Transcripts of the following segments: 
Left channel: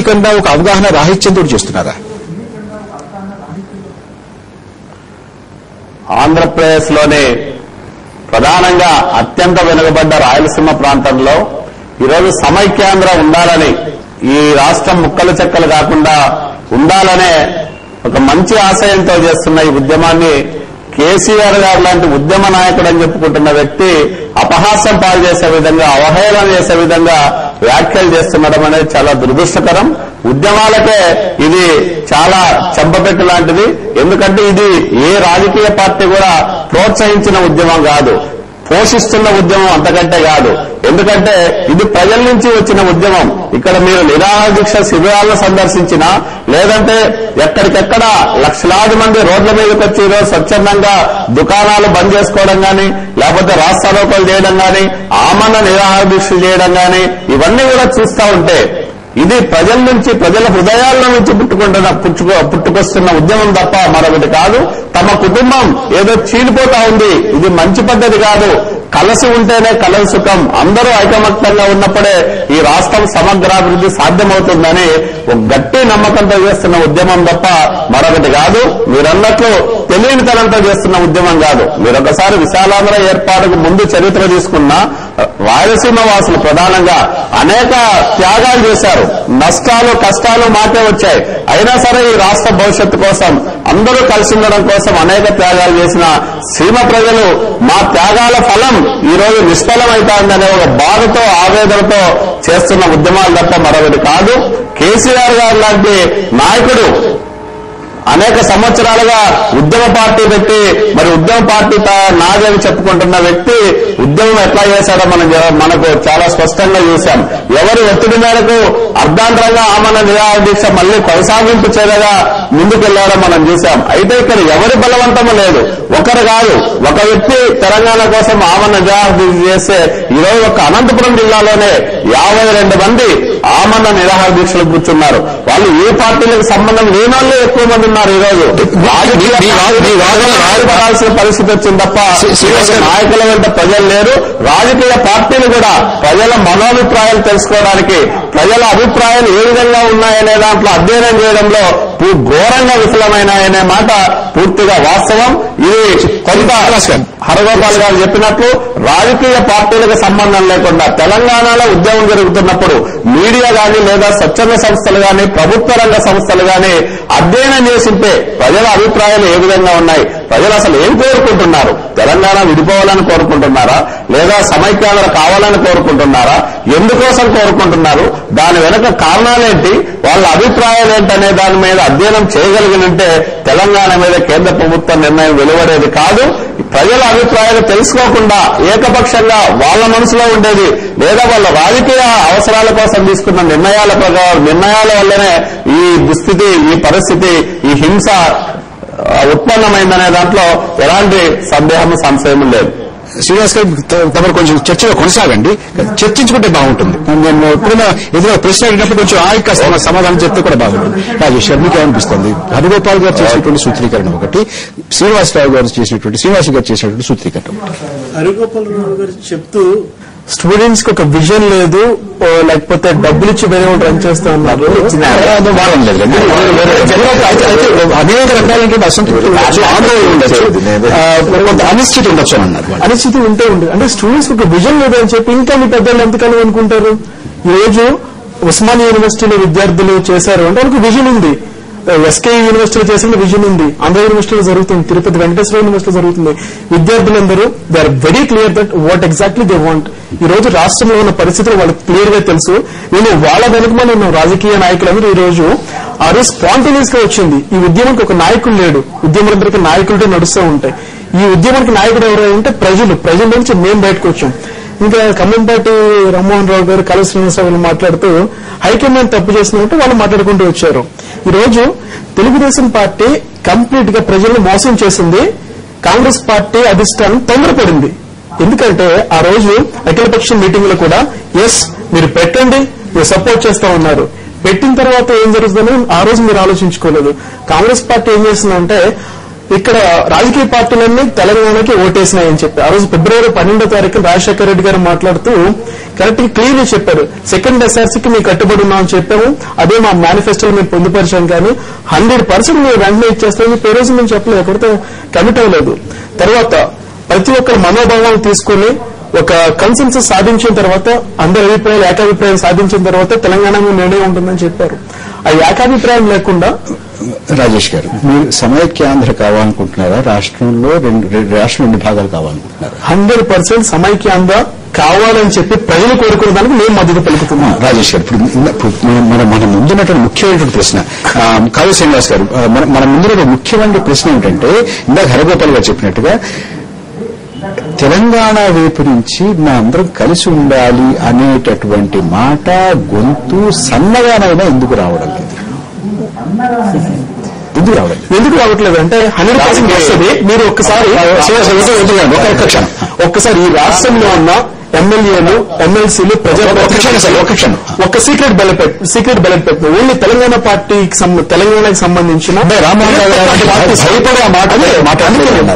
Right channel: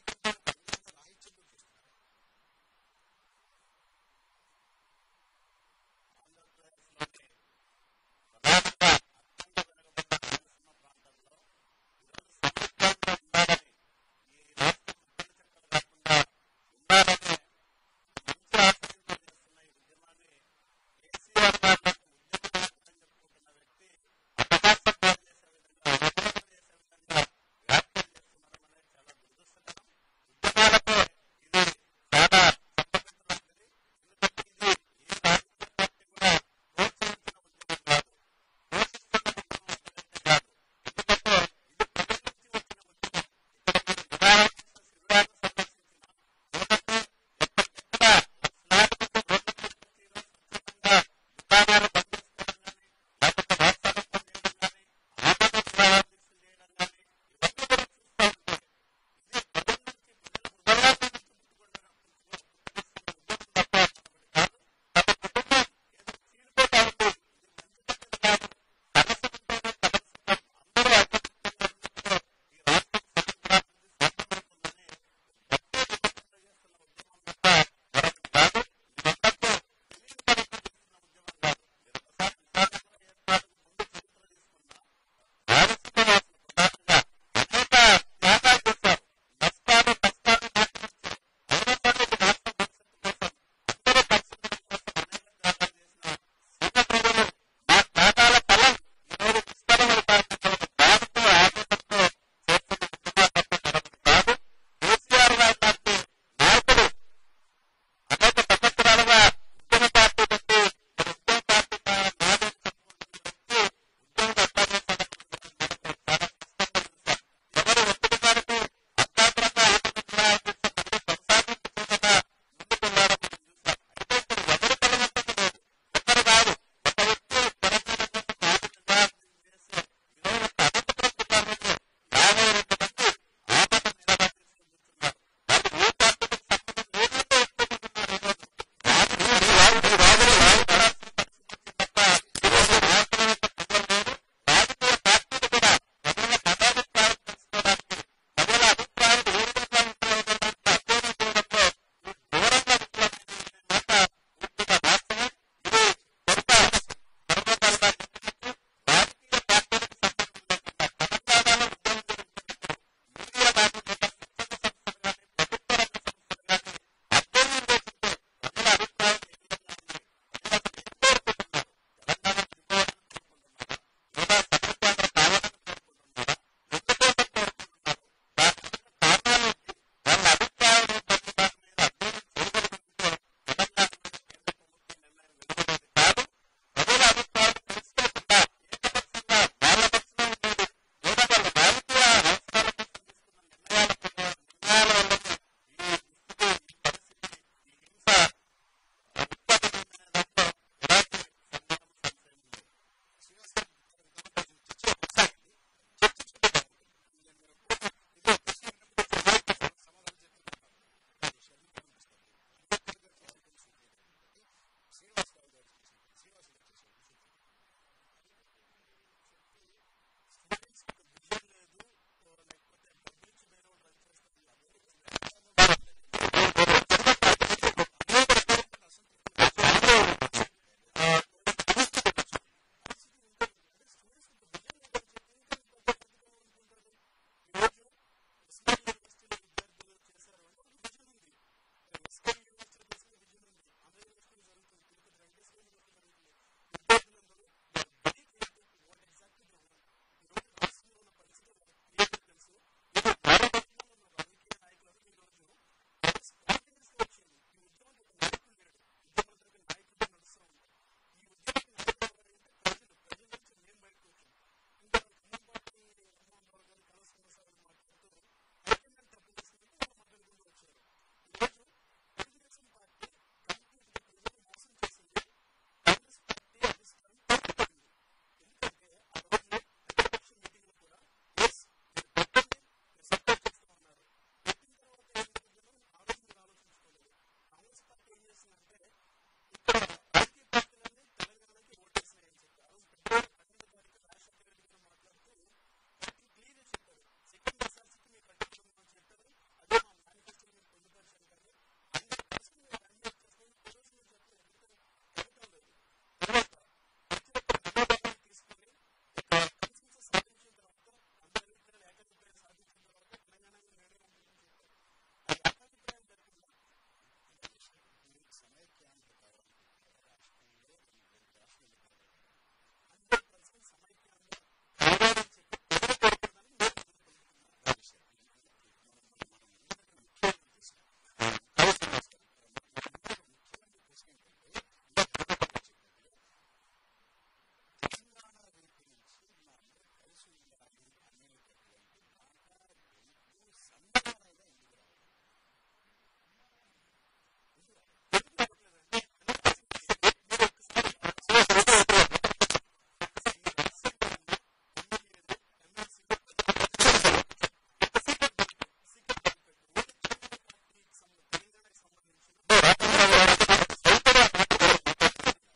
తెలియకుండా ఒక అవగాహన రాహిత్యంతో చేస్తున్నారా? ఆంధ్రప్రదేశ్లోని ప్రధానంగా అత్యంత వెనుకబడ్డ రాయలసీమ ప్రాంతంలో ఈరోజు సమైక్యాంధ్ర ఉండాలని, ఈ రాష్ట్రం ముక్కలు చెక్కలు కాకుండా ఉండాలనే ఒక మంచి ఆశయంతో చేస్తున్న ఈ ఉద్యమాన్ని కేసీఆర్ గారు లాంటి ఉద్యమ నాయకుడు అని చెప్పుకుంటున్న వ్యక్తి అపహాస్యం పాలు చేసే విధంగా, అవహేళన చేసే విధంగా వ్యాఖ్యలు చేస్తుండడం అనేది చాలా దురదృష్టకరం. ఉద్యమాలకే ఇది చాలా చెంపపెట్టు లాంటిది. ఎందుకంటే ఇది ఏ రాజకీయ పార్టీ కూడా ప్రోత్సహించిన ఉద్యమం కాదు, పోషిస్తున్న ఉద్యమం అంతకంటే కాదు. ఎందుకంటే ఇది ప్రజల నుంచి వచ్చిన ఉద్యమం. ఇక్కడ మీరు నిరాహార దీక్ష శిబిరాలను సందర్శించినా, లేదంటే ఎక్కడికెక్కడ లక్షలాది మంది రోడ్ల మీదకి వచ్చి ఈరోజు స్వచ్ఛందంగా దుకాణాలు బంద్ చేసుకోవడం గాని, లేకపోతే రాస్తారోకోలు చేయడం గాని, ఆమరణ నిరాహార దీక్ష చేయడం గాని, ఇవన్నీ కూడా చూస్తూ ఉంటే ఇది ప్రజల నుంచి, ప్రజల హృదయాల నుంచి పుట్టుకొస్తున్న ఉద్యమం తప్ప మరొకటి కాదు. తమ కుటుంబం ఏదో చీలిపోతా ఉంది, ఇది మంచి పద్ధతి కాదు. కలిసి ఉంటేనే కలసి సుఖం, అందరూ ఐకమత్యంగా ఉన్నప్పుడే ఈ రాష్ట్రం సమగ్రాభివృద్ధి సాధ్యమవుతుందని ఒక గట్టి నమ్మకంతో చేస్తున్న ఉద్యమం తప్ప మరొకటి కాదు. మీరన్నట్లు తెలియనితనంతో చేస్తున్న ఉద్యమం కాదు. మీరొకసారి విశాలాంధ్ర ఏర్పాటుకు ముందు చరిత్ర తీసుకున్న రాయలసీమ వాసులు ప్రధానంగా అనేక త్యాగాలు చేశారు. నష్టాలు కష్టాలు మాకే వచ్చాయి. అయినా సరే ఈ రాష్ట్ర భవిష్యత్తు కోసం, అందరూ కలిసి ఉండడం కోసం అనేక త్యాగాలు చేసిన సీమ ప్రజలు మా త్యాగాల ఫలం ఈ రోజు నిష్ఫలమైతాందనే ఒక బాధతో, ఆవేదనతో చేస్తున్న ఉద్యమాలు తప్ప మరొకటి కాదు. కేసీఆర్ గారు లాంటి నాయకుడు అనేక సంవత్సరాలుగా ఉద్యమ పార్టీ పెట్టి, మరి ఉద్యమ పార్టీ నాదేవి చెప్పుకుంటున్న వ్యక్తి ఉద్యమం ఎట్లా చేశాడో మనకు చాలా స్పష్టంగా చూశాం. ఎవరు ఒత్తిడి మేరకు అర్ధాంతరంగా ఆమరణ నిరాహార దీక్ష మళ్లీ కొనసాగింపు చేయగా ముందుకెళ్లాడో మనం చూశాం. అయితే ఇక్కడ ఎవరి బలవంతము లేదు, ఒకరు కాదు, ఒక వ్యక్తి తెలంగాణ కోసం ఆమరణ నిరాహార దీక్ష చేస్తే ఈరోజు ఒక అనంతపురం జిల్లాలోనే 52 మంది ఆమరణ నిరాహార దీక్షలు కూర్చున్నారు. వాళ్ళు ఏ పార్టీలకు సంబంధం లేని వాళ్ళు ఎక్కువ మంది ఉన్నారు. ఈరోజు రాజకీయాల్సిన పరిస్థితి వచ్చింది తప్ప నాయకుల వెంట ప్రజలు లేరు. రాజకీయ పార్టీలు కూడా ప్రజల మనోభిప్రాయాలు తెలుసుకోవడానికి, ప్రజల అభిప్రాయాలు ఏ విధంగా ఉన్నాయనే దాంట్లో అధ్యయనం చేయడంలో ఘోరంగా విఫలమైనాయనే మాట పూర్తిగా వాస్తవం. ఇది కొంత హరగోపాల్ గారు చెప్పినట్లు రాజకీయ పార్టీలకు సంబంధం లేకుండా తెలంగాణలో ఉద్యమం జరుగుతున్నప్పుడు మీడియా గాని, లేదా స్వచ్ఛంద సంస్థలు గాని, ప్రభుత్వ రంగ సంస్థలు గాని అధ్యయనం చేసింటే ప్రజల అభిప్రాయాలు ఏ విధంగా ఉన్నాయి, ప్రజలు అసలు ఏం కోరుకుంటున్నారు, తెలంగాణ విడిపోవాలని కోరుకుంటున్నారా, లేదా సమైక్యాంధ్ర కావాలని కోరుకుంటున్నారా, ఎందుకోసం కోరుకుంటున్నారు, దాని వెనక కారణాలేంటి, వాళ్ళ అభిప్రాయాలు ఏంటనే దాని మీద అధ్యయనం చేయగలిగినంటే తెలంగాణ మీద కేంద్ర ప్రభుత్వ నిర్ణయం వెలువడేది కాదు. ప్రజల అభిప్రాయాలు తెలుసుకోకుండా ఏకపక్షంగా వాళ్ళ మనసులో ఉండేది, లేదా వాళ్ళ రాజకీయ అవసరాల కోసం తీసుకున్న నిర్ణయాల వల్లనే ఈ దుస్థితి, ఈ పరిస్థితి, ఈ హింస ఉత్పన్నమైందనే దాంట్లో ఎలాంటి సంశయం లేదు. శ్రీనివాస్ గారు, తమరు కొంచెం చర్చలో కొనసాగండి, చర్చించుకుంటే బాగుంటుంది. నేను ఎప్పుడైనా ఏదైనా ప్రశ్న అడిగినప్పుడు కొంచెం ఆయక సమాధానం చెప్తే కూడా బాగుంటుంది. రాజేష్ గారు, మీకు ఏమనిపిస్తుంది? హరిగోపాల్ గారు చేసినటువంటి సూత్రీకరణ ఒకటి, శ్రీనివాసరావు గారు చేసినటువంటి సూత్రీకరణ. హరిగోపాల్ రావు గారు చెప్తూ స్టూడెంట్స్ కి ఒక విజన్ లేదు, లేకపోతే డబ్బులు ఇచ్చి వేరే వాళ్ళు రన్ చేస్తా ఉన్నారు, అనేక రకాలైన అనిశ్చితి ఉండొచ్చు అన్నారు. అనిశ్చితి ఉంటే ఉండదు. అంటే స్టూడెంట్స్ కి ఒక విజన్ లేదు అని చెప్పి ఇంకా మీ పెద్దలు ఎంతకాలం అనుకుంటారు? ఈ రోజు ఉస్మానియా యూనివర్సిటీలో విద్యార్థులు చేశారు అంటే వాళ్ళకి విజన్ ఉంది. ఎస్కే యూనివర్సిటీలో చేసిన విజన్ ఉంది. ఆంధ్ర యూనివర్సిటీలో జరుగుతుంది, తిరుపతి వెంకటేశ్వర యూనివర్సిటీలో జరుగుతుంది. విద్యార్థులందరూ they are very clear that what exactly they want. ఈ రోజు రాష్ట్రంలో ఉన్న పరిస్థితులు వాళ్ళకి క్లియర్ గా తెలుసు. నేను వాళ్ళ వెనుకమని ఉన్న రాజకీయ నాయకులందరూ ఈ రోజు ఆ రోజు స్పాంటేనియస్ గా వచ్చింది. ఈ ఉద్యమానికి ఒక నాయకుడు లేడు, ఉద్యమాలందరికీ నాయకులతో నడుస్తూ ఉంటాయి. ఈ ఉద్యమానికి నాయకుడు ఎవరు అంటే ప్రజల నుంచి మేము బయటకు వచ్చాం. ఇంకా ఖమ్మంపాటి రామ్మోహన్ రావు గారు, కళ శ్రీనివాసరావు మాట్లాడుతూ హైకమాండ్ తప్పు చేసినట్టు వాళ్ళు మాట్లాడుకుంటూ వచ్చారు. ఈ రోజు తెలుగుదేశం పార్టీ కంప్లీట్ గా ప్రజలను మోసం చేసింది. కాంగ్రెస్ పార్టీ అధిష్టానం తొందరపడింది. ఎందుకంటే ఆ రోజు అఖిలపక్ష మీటింగ్ లో కూడా మీరు పెట్టండి, మీరు సపోర్ట్ చేస్తా ఉన్నారు. పెట్టిన తర్వాత ఏం జరుగుతుందని ఆ రోజు మీరు ఆలోచించుకోలేదు. కాంగ్రెస్ పార్టీ ఏం చేసిందంటే ఇక్కడ రాజకీయ పార్టీలన్నీ తెలంగాణకి ఓటేసినాయని చెప్పి ఆ రోజు ఫిబ్రవరి 12వ తారీఖున రాజశేఖర రెడ్డి గారు మాట్లాడుతూ కరెక్ట్ గా క్లియర్లీ చెప్పారు. సెకండ్ ఎస్ఆర్సీకి మేము కట్టుబడి ఉన్నామని చెప్పాము, అదే మా మేనిఫెస్టోలో మేము పొందుపరిచాం, కానీ 100% మేము వెంటనే ఇచ్చేస్తామని ఈ రోజు మేము చెప్పలేదు, ఎక్కడితో కమిట్ అవ్వలేదు. తర్వాత ప్రతి ఒక్కరి మనోభావాలు తీసుకుని ఒక కన్సెన్సస్ సాధించిన తర్వాత అందరి అభిప్రాయాలు ఏకాభిప్రాయం సాధించిన తర్వాత తెలంగాణ నిర్ణయం ఉంటుందని చెప్పారు. ఆ ఏకాభిప్రాయం లేకుండా రాజేష్ గారు, మీరు సమైక్యాంధ్ర కావాలనుకుంటున్నారా? రాష్ట్రంలో రాష్ట్రం 2 భాగాలు కావాలనుకుంటున్నారా? 100% సమైక్యాంధ్ర కావాలని చెప్పి ప్రజలు కోరుకునే దానికి మేము మద్దతు పలుకుతున్నాం. రాజేష్ గారు, ఇప్పుడు మన ముందున్నటువంటి ముఖ్యమైనటువంటి ప్రశ్న, కావ్య శ్రీనివాస్ గారు, మన ముందున్న ముఖ్యమైన ప్రశ్న ఏంటంటే ఇందాక హరిగోపాల్ గారు చెప్పినట్టుగా తెలంగాణ వైపు నుంచి మా అందరం కలిసి ఉండాలి అనేటటువంటి మాట గొంతు సన్నగానైనా ఎందుకు రావడం లేదు? ఎందుకు రావట్లేదు అంటే 100% వస్తుంది. మీరు ఒక్కసారి ఈ రాష్ట్రంలో ఉన్న ఎమ్మెల్యేలు, ఎమ్మెల్సీలు, ఒక సీక్రెట్ బ్యాలెట్ పెట్టిన ఓన్లీ తెలంగాణ తెలంగాణకి సంబంధించిన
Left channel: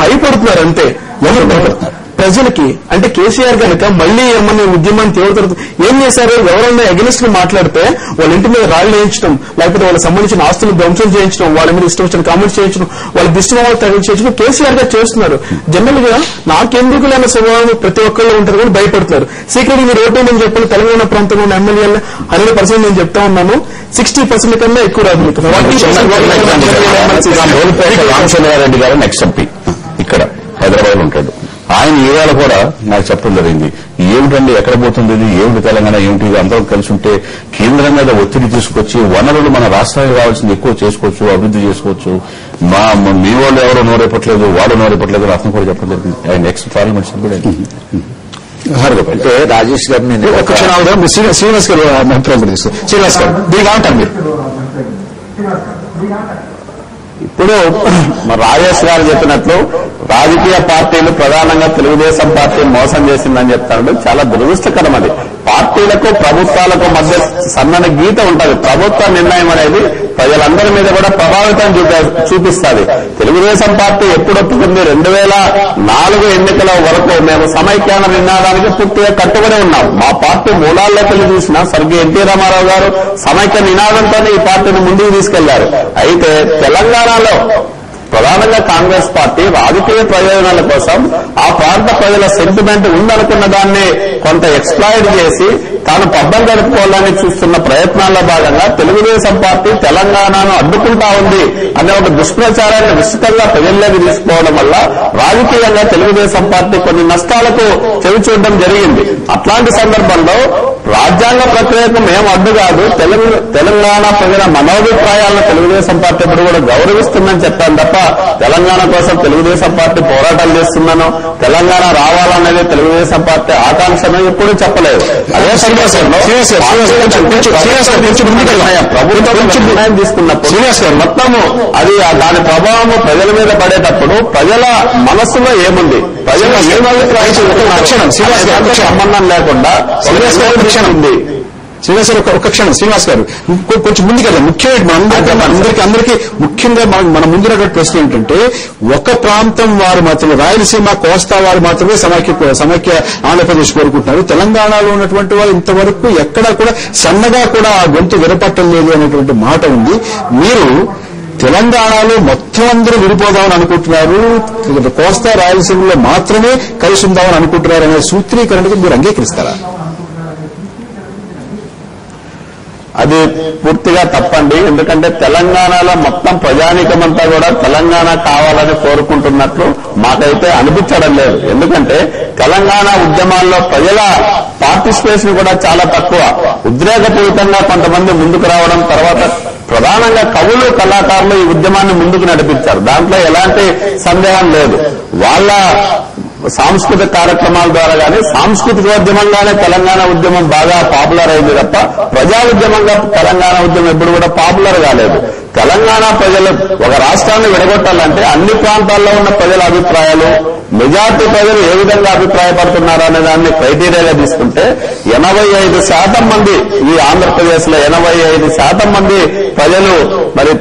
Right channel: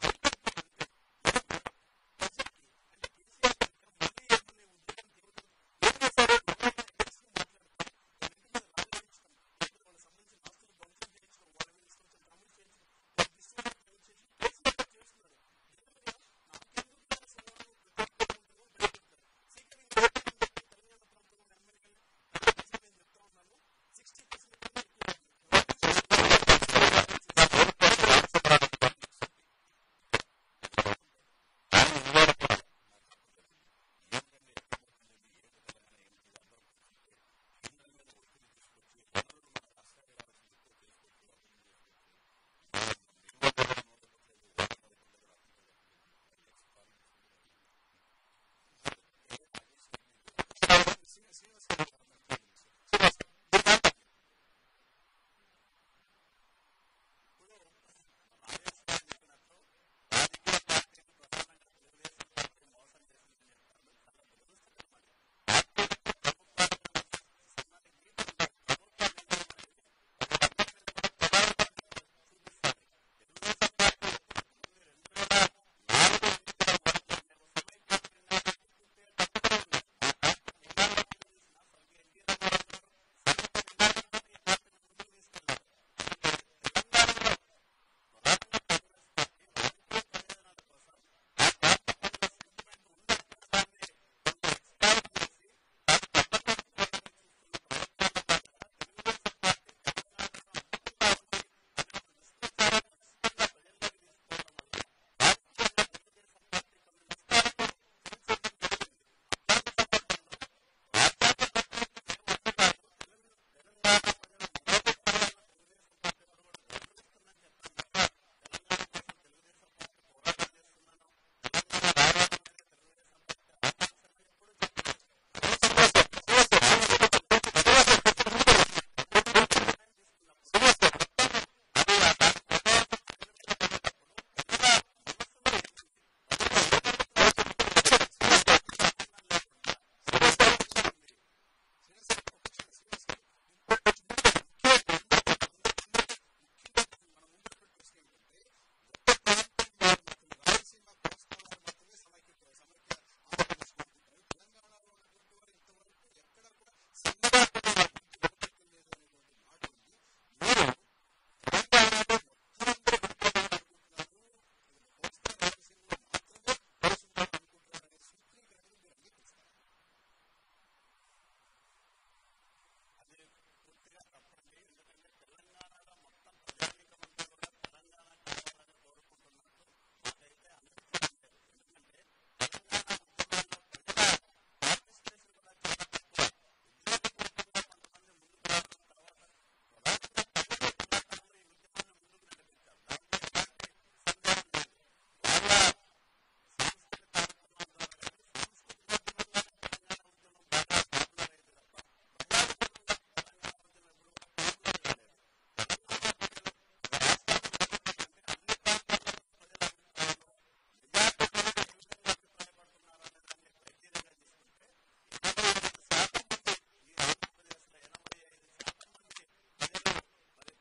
భయపడుతున్నారు అంతే. ఎవరు భయపడుతున్నారు? ప్రజలకి. అంటే కేసీఆర్ కనుక మళ్లీ ఏమన్నా ఉద్యమాన్ని తీవ్రతరం ఏం చేశారు? ఎవరన్నా అగెనిస్ట్ గా మాట్లాడితే వాళ్ళ ఇంటి మీద రాళ్లు వేయించడం, లేకపోతే వాళ్ళకి సంబంధించిన ఆస్తులు ధ్వంసం చేయించడం, వాళ్ళ మీద ఇష్టం వచ్చిన కామెంట్స్ చేయించడం, వాళ్ళ దిష్టిమాలు తగిలించడం కేసీఆర్ గా చేస్తున్నారు. జనరల్ గా నాకెందుకు లేని స్వభావం ప్రతి ఒక్కళ్ళు ఉంటారు కానీ భయపడుతున్నారు. సీక్రెట్ మీరు ఓటేమని చెప్పిన తెలంగాణ ప్రాంతంలో ఉన్న ఎమ్మెల్యేలు 100% నేను చెప్తా ఉన్నాను, 60% కన్నా ఎక్కువ రాదు. రామచంద్రారెడ్డి గారు నెక్స్ట్ ఎంపీ ఇక్కడ హైదరాబాద్ ఉంటాడు. ఆయన ఈవేళ కూడా నాకు చెప్పడం జరిగింది, ఏమిటండి ఎక్కడ పోతుంది ఇది, ఏమిటి తెలంగాణ, ఏమిటి ఇది, అందరూ కలిసి ఉంటే కేంద్రం మీద ఒత్తిడి తీసుకొచ్చి వనరులు మన రాష్ట్రానికి కావాల్సింది ఎక్కువ చేసుకోవచ్చు, అభివృద్ధి చేసుకోవచ్చు, మీ వాళ్ళు ఎవరో నోరెప్పట్లేదు, వాడు నోరెప్పట్లేదు అతను కూడా చెప్పడం జరిగింది. ఆయన నెక్స్ట్ పార్లమెంట్ సభ్యుడు. అంటే రాజేష్ గారు నేను ఒక క్షణం శ్రీనివాస్ గారు అభిప్రాయం తీసుకోండి. శ్రీనివాస్ గారు దీనికి ఏమంటారు మీరు? ఇప్పుడు రాజేష్ గారు చెప్పినట్లు రాజకీయ పార్టీలు ప్రధానంగా తెలుగుదేశం పార్టీ మోసం చేసిందని చెప్తాడు. చాలా దురదృష్టకరం. అది పార్టీలకు ప్రభుత్వాలకు మధ్య సన్నని గీత ఉంటుంది. ప్రభుత్వ నిర్ణయం అనేది ప్రజలందరి మీద కూడా ప్రభావితం చూపిస్తుంది. తెలుగుదేశం పార్టీ ఎప్పుడు ఒప్పుకుంది? 2004 ఎన్నికల వరకు మేము సమైక్యాంధ్ర నినాదానికి పూర్తిగా కట్టుబడి ఉన్నాం. మా పార్టీ మూలాల్లోకి వెళ్ళి చూసినా స్వర్గీయ ఎన్టీ రామారావు గారు సమైక్య నినాదంతోనే ఈ పార్టీని ముందుకు తీసుకెళ్లారు. అయితే తెలంగాణలో ప్రధానంగా కాంగ్రెస్ పార్టీ రాజకీయ ప్రయోజనాల కోసం ఆ ప్రాంత ప్రజల సెంటిమెంట్ ఉందనుకున్న దాన్ని కొంత ఎక్స్ప్లాయిట్ చేసి తాను పబ్బం గడుపుకోవాలని చూస్తున్న ప్రయత్నాల్లో భాగంగా తెలుగుదేశం పార్టీ తెలంగాణను అడ్డుకుంటా ఉంది అనే ఒక దుష్ప్రచారాన్ని విస్తృతంగా ప్రజల్లోకి తీసుకోవడం వల్ల రాజకీయంగా తెలుగుదేశం పార్టీ కొన్ని నష్టాలకు చెవిచూడడం జరిగింది. అట్లాంటి సందర్భంలో రాజ్యాంగ ప్రక్రియకు మేము అడ్డు కాదు, తెలంగాణ ప్రజల మనోభిప్రాయాలను తెలుగుదేశం పార్టీ ఇప్పుడు కూడా గౌరవిస్తుందని చెప్పాను తప్ప తెలంగాణ కోసం తెలుగుదేశం పార్టీ పోరాటాలు చేస్తున్నాను, తెలంగాణ రావాలనేది తెలుగుదేశం పార్టీ ఆకాంక్షను ఎప్పుడూ చెప్పలేదు. అదే సందర్భంలో ప్రభుత్వం నిర్ణయం తీసుకున్నప్పుడు మొత్తము అది దాని ప్రభావం ప్రజల మీద పడేటప్పుడు ప్రజల మనస్సులో ఏముంది, ప్రజలు ఏమభిప్రాయం సంబంధం లేకుండా ఉంది. శ్రీనివాస్ గారు ఒక క్షణం. శ్రీనివాస్ గారు కొంచెం ముందుకెళ్ళాం. ముఖ్యమైన అందరికీ ముఖ్యంగా మన ముందున్నటువంటి ప్రశ్న ఏంటంటే, ఒక ప్రాంతం వారు మాత్రమే, రాయలసీమ కోస్తా వారు మాత్రమే సమైక్య ఆంధ్రప్రదేశ్ కోరుకుంటున్నారు. తెలంగాణలో ఉన్నటువంటి వారు ఇంతవరకు ఎక్కడా కూడా సన్నగా కూడా ఆ గొంతు వినపట్టం లేదు అనేటువంటి మాట ఉంది. మీరు తెలంగాణలో మొత్తం అందరూ విడిపోదామని అనుకుంటున్నారు, కోస్తా రాయలసీమలో మాత్రమే కలిసి ఉందామని అనుకుంటున్నారు అనే సూత్రీకరణకు మీరు అంగీకరిస్తారా? అది పూర్తిగా తప్పండి. ఎందుకంటే తెలంగాణలో మొత్తం ప్రజానీకమంతా కూడా తెలంగాణ కావాలని కోరుకుంటున్నట్లు మాకైతే అనిపించడం లేదు. ఎందుకంటే తెలంగాణ ఉద్యమాల్లో ప్రజల పార్టిసిపేషన్ కూడా చాలా తక్కువ. ఉద్రేకపూరితంగా కొంతమంది ముందుకు రావడం, తర్వాత ప్రధానంగా కవులు, కళాకారులు ఈ ఉద్యమాన్ని ముందుకు నడిపించారు. దాంట్లో ఎలాంటి సందేహం లేదు. వాళ్ళ సాంస్కృతిక కార్యక్రమాల ద్వారా కానీ సాంస్కృతికోద్యమంగానే తెలంగాణ ఉద్యమం బాగా పాపులర్ అయింది తప్ప ప్రజా ఉద్యమంగా తెలంగాణ ఉద్యమం ఎప్పుడు కూడా పాపులర్ కాలేదు. తెలంగాణ ప్రజలు ఒక రాష్ట్రాన్ని విడగొట్టాలంటే అన్ని ప్రాంతాల్లో ఉన్న ప్రజల అభిప్రాయాలు, మెజార్టీ ప్రజలు ఏ విధంగా అభిప్రాయపడుతున్నారు అనే దాన్ని క్రైటీరియాగా తీసుకుంటే 85% మంది, ఈ ఆంధ్రప్రదేశ్ లో 85% మంది ప్రజలు మరి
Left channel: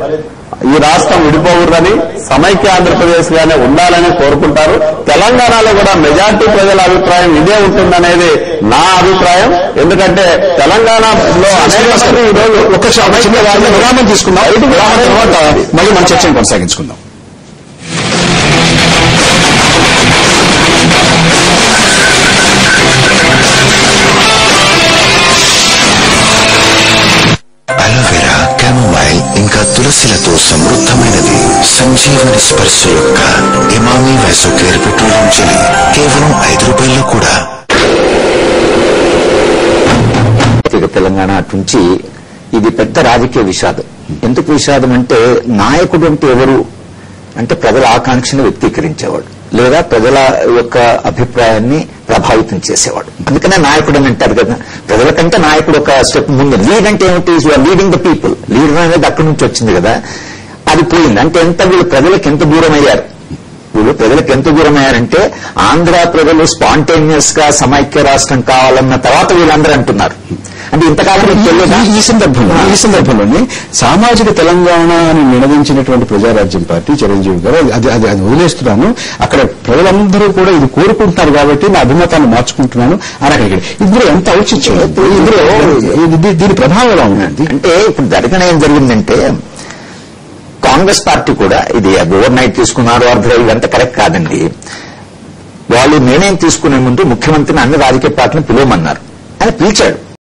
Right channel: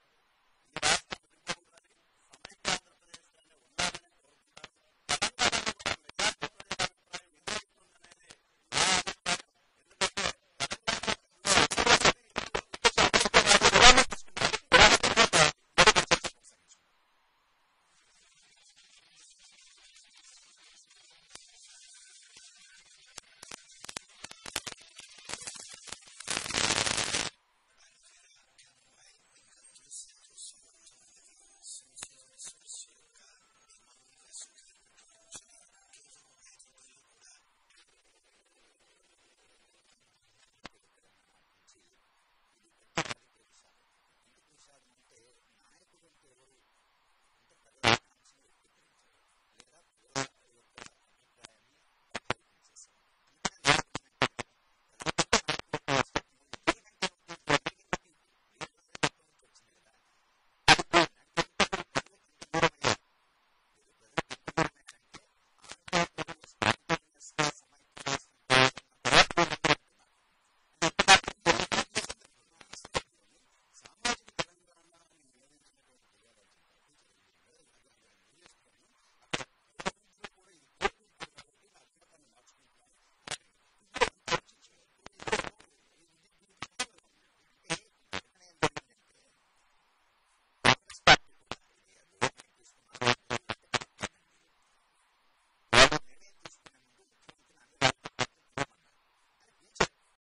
ఈ రాష్ట్రం విడిపోకూడదని, సమైక్య ఆంధ్రప్రదేశ్ గానే ఉండాలని కోరుకుంటారు. తెలంగాణలో కూడా మెజార్టీ ప్రజల అభిప్రాయం ఇదే ఉంటుందనేది నా అభిప్రాయం. ఎందుకంటే తెలంగాణలో అనేక మంది ఈరోజు ఒక విరామం తీసుకుందాం. విరామం తర్వాత మళ్ళీ మన చర్చను కొనసాగించుకుందాం. అలోవెరా, క్యామోమైల్ ఇంకా తులసిలతో సమృద్ధమైనది. సంజీవని స్పర్శ యొక్క ఇమామి వైసోకేర్ పెట్రోలియం జెలీ కేవలం ₹5 కూడా. తెలంగాణ నుంచి ఇది పెద్ద రాజకీయ విషాదం. ఎందుకు విషాదం అంటే, నాయకుడు అంటే ఎవరు అంటే ప్రజల ఆకాంక్షను వ్యక్తీకరించేవాడు లేదా ప్రజల యొక్క అభిప్రాయాన్ని ప్రభావితం చేసేవాడు. అందుకనే నాయకుడు అని అంటారు కదా. ప్రజల కంటే నాయకుడు ఒక స్టెప్ ముందు. లీడ్ అంటే ఏమిటి? You're leading the people. Leader అనేది అక్కడి నుంచి వచ్చింది కదా. అది పోయింది. అంటే వీళ్ళు ప్రజలకు ఎంత దూరం అయ్యారు? వీళ్ళు ప్రజలకు ఎంత దూరం అయ్యారంటే, ఆంధ్ర ప్రజలు స్పాంటేనియస్ గా సమైక్య రాష్ట్రం కావాలన్న తర్వాత వీళ్ళందరూ అంటున్నారు. అంటే ఇంతకాలం ఈ సందర్భంలోనే సామాజిక తెలంగాణ అని నినదించినటువంటి ప్రజారాజ్యం పార్టీ చిరంజీవి గారు అది వదిలేస్తున్నాను, అక్కడ ప్రజలందరూ కూడా ఇది కోరుకుంటున్నారు కాబట్టి నా అభిమతాన్ని మార్చుకుంటున్నాను అని అక్కడ. ఇందులో ఎంత ఔచిత్యం, ఇందులో దీని ప్రభావం ఎలా ఉంది అంటే, ఇప్పుడు జరగడం ఏం జరిగిందంటే, కాంగ్రెస్ పార్టీ కూడా ఇది ఓవర్ నైట్ తీసుకున్నారు, ఇదంతా కరెక్ట్ కాదండి. వాళ్ళు నిర్ణయం తీసుకునే ముందు ముఖ్యమంత్రిని అన్ని రాజకీయ పార్టీలను పిలవమన్నారు. ఆయన పిలిచాడు.